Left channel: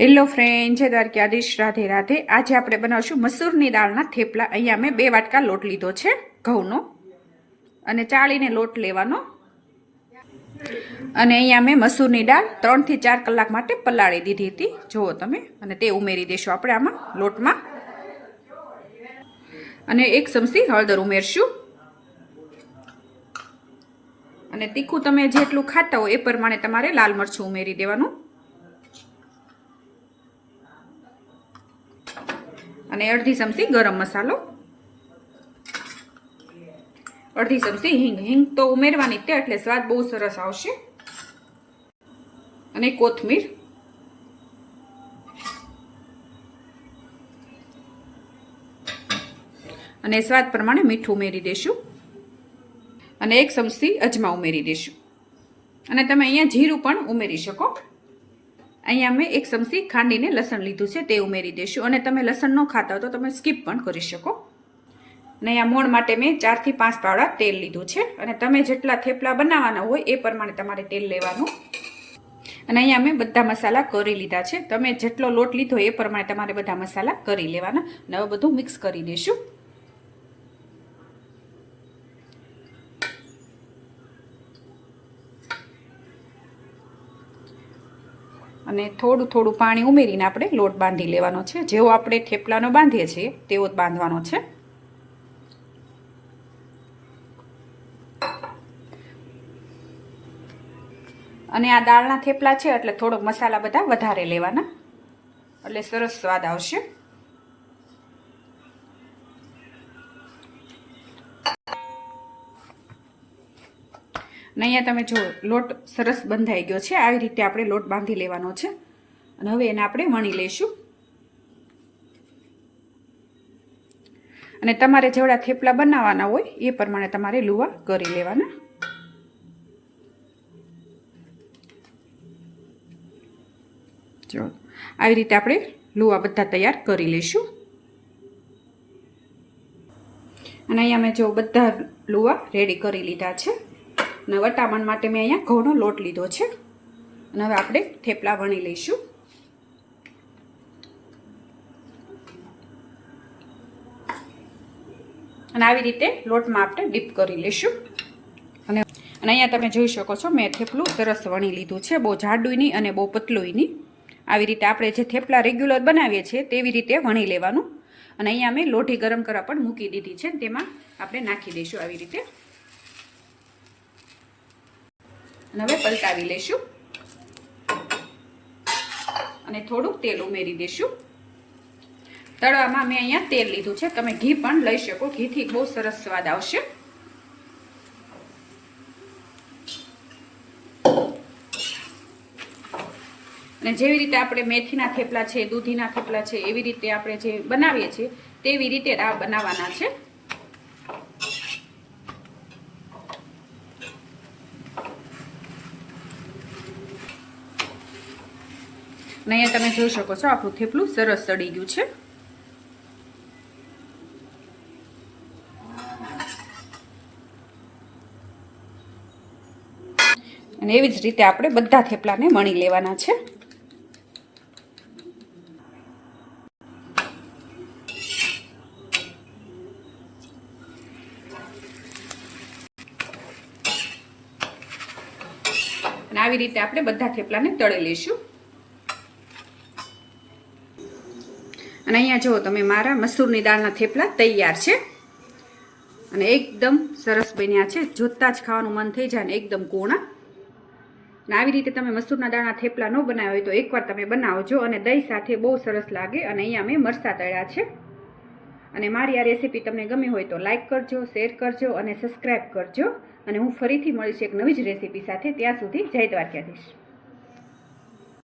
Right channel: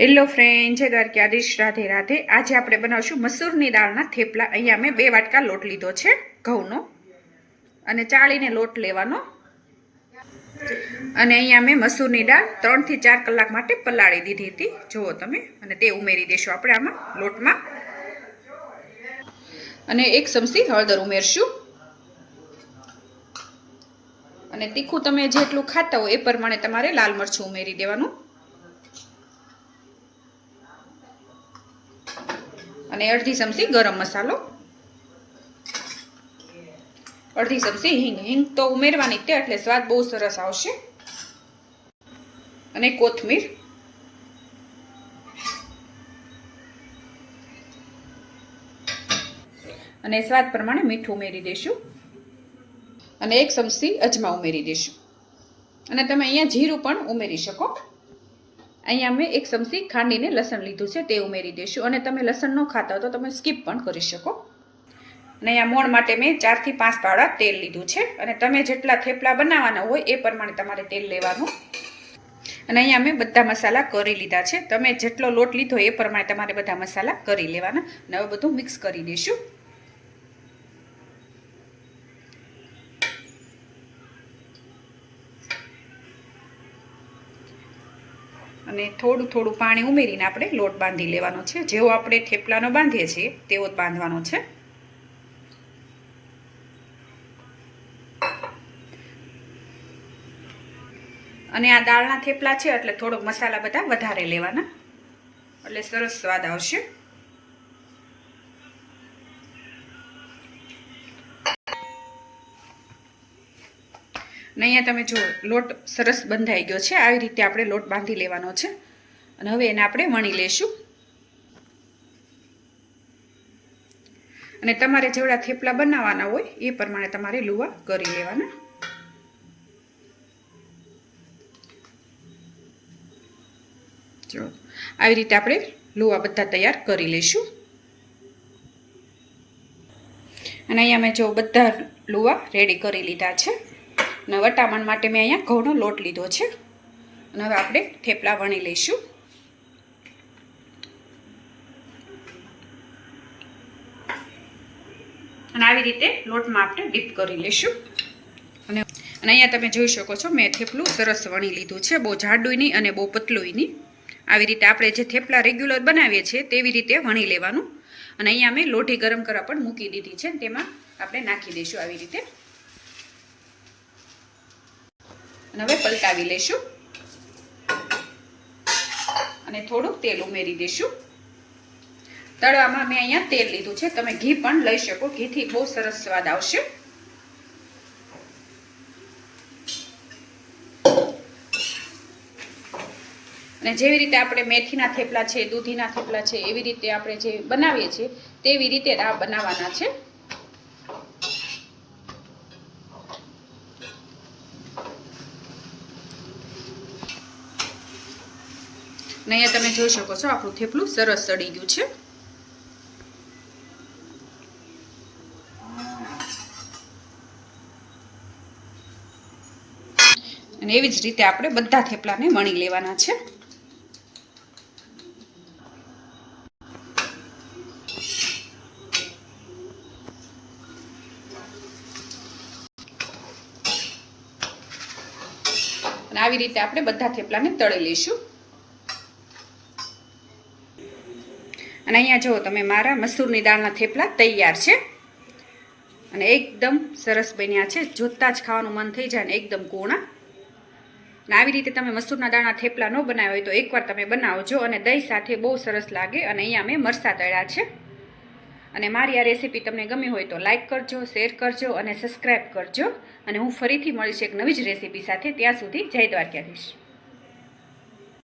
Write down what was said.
Hello friend જય દ્વારકાધીશ. રાધે રાધે. આજે આપણે બનાવશું મસૂરની દાળના થેપલા. અહીંયા મેં બે વાટકા લોટ લીધો છે, ઘઉંનો. અને ચાળીને લોટ લેવાનો. અને અહીંયા મેં મસૂરની દાળ ત્રણથી ચાર કલાક માટે પલાળી દીધી હતી. જુઓ તમે, અને તે ઉમેરી દેશો આપણે આમાં, લોટમાં. અને એક ચમચી હળદર ઉમેરશું. અને તીખું તમે જેટલું ખાતા હો એ પ્રમાણે તમારે લાલ મરચું ઉમેરી દેવાનું. અને અડધી ચમચી ગરમ મસાલો. અડધી ચમચી હિંગ. હિંગ તો ઉમેરવાની તે એટલે સ્વાદ બહુ સરસ આવશે. અને કોથમીર. અને સ્વાદ પ્રમાણે મીઠું ઉમેરી દેશું. અને એક ચમચી અજમા ઉમેરી દેશું. અને તમે અહીંયા જીરું પણ ઉમેરી શકો. અહીંયા મેં એક ચમચી ખાંડીને લસણ લીધું છે, તે ઉમેરી દેશું. અને તમે લસણ ન ખાતા હો તો તમે સ્કીપ પણ કરી શકો. અને અહીંયા મોણ માટે મેં ચારથી પાંચ પાવડા તેલ લીધું છે. અને તમે જેટલા થેપલા બનાવવાના હોય એ પ્રમાણે તમારે તેલ લેવાનું. અને અહીંયા મેં બધા મસાલા કરી લીધા છે. તમે જેટલો લોટ લીધો એ પ્રમાણે તમારે બધા મસાલા કરી લેવાના. અને હવે બધું મિક્સ કરી દઈશું અને થોડું થોડું પાણી ઉમેરીને આપણે લોટ બાંધી લેવાનો છે. જેવો આપણે થેપલાનો બાંધીએ છીએ, તેવો જ બાંધવાનો છે. અને આ દાળના થેપલા છે, એટલે થોડોક મસાલા બધા વધારે લેવાના. એટલે સરસ સ્વાદ આવશે. અને અહીંયા તમે જો લોટ સરસ બંધાઈ ગયો છે, આવી રીતે આપણે લોટ બાંધી લેવાનો છે. અને હવે એને આપણે વણી લેશું. અને તમારે જેવડા થેપલા બનાવવાના હોય, એ પ્રમાણે તમારે લુવા કરી લેવાના. આવી રીતે આપણે લુવા બધા તૈયાર કરી લઈશું અને અહીંયા મેં જો બધા લુવા રેડી કરી લીધા છે. અને વટામણ માટે મેં અહીંયા ઘઉંનો લોટ લીધો છે. અને હવે આપણે થેપલા વણી લઈશું. અને આવી રીતે લોટમાં આપણે ડીપ કરી લઈશું. અને અને અહીંયા તમે જોઈ શકો છો, મેં થેપલું સરસ વણી લીધું છે, બહુ જાડું અને બહુ પતલું નહીં આવી રીતે આપણે જે થેપલા રેગ્યુલર બનાવીએ છીએ, તેવી રીતે વણી લેવાનું. અને અહીંયા મેં લોઢી ગરમ કરવા પણ મૂકી દીધી છે તેમાં આપણે નાખી દઈશું આવી રીતે. અને હવે પલટાવી લઈશું. અને થોડું તેલ ઉમેરી દઈશું. તળવામાં મેં અહીંયા તેલ લીધું છે. તમે ઘી પણ લઈ શકો. ઘીથી બહુ સરસ સ્વાદ આવશે. અને જેવી રીતે આપણે મેથીના થેપલા છે, દૂધીના થેપલા છે, એવી રીતે આપણે જે બનાવીએ છીએ, તેવી રીતે આ બનાવવાના છે. અહીંયા તમે જોઈ શકો છો, આપણું થેપલું સરસ સડી ગયું છે. અને એવી જ રીતે આપણે બધા થેપલાને વણી લેવાના છે. અને આવી રીતે આપણે બધા થેપલાને તળી લઈશું. અને અહીંયા જુઓ તમે, મારા મસૂરની દાળના થેપલા તૈયાર છે. અને એકદમ સરસ બન્યા છે. જોતાં જ ખાવાનું મન થઈ જાય ને એકદમ કોણા. અને આવી રીતે તમે મસૂરના દાળના થેપલા ન બનાવ્યા હોય તો એકવાર તમે બનાવજો અને દહીં સાથે બહુ સરસ લાગે અને અહીંયા મેં મરસા તળ્યા છે. અને મારી આ રેસીપી તમને ગમી હોય તો લાઇક કરજો, શેર કરજો અને સબસ્ક્રાઈબ કરજો. અને હું ફરીથી મળીશ એક નવી જ રેસીપી સાથે. ત્યાં સુધી જય દ્વારકાધીશ.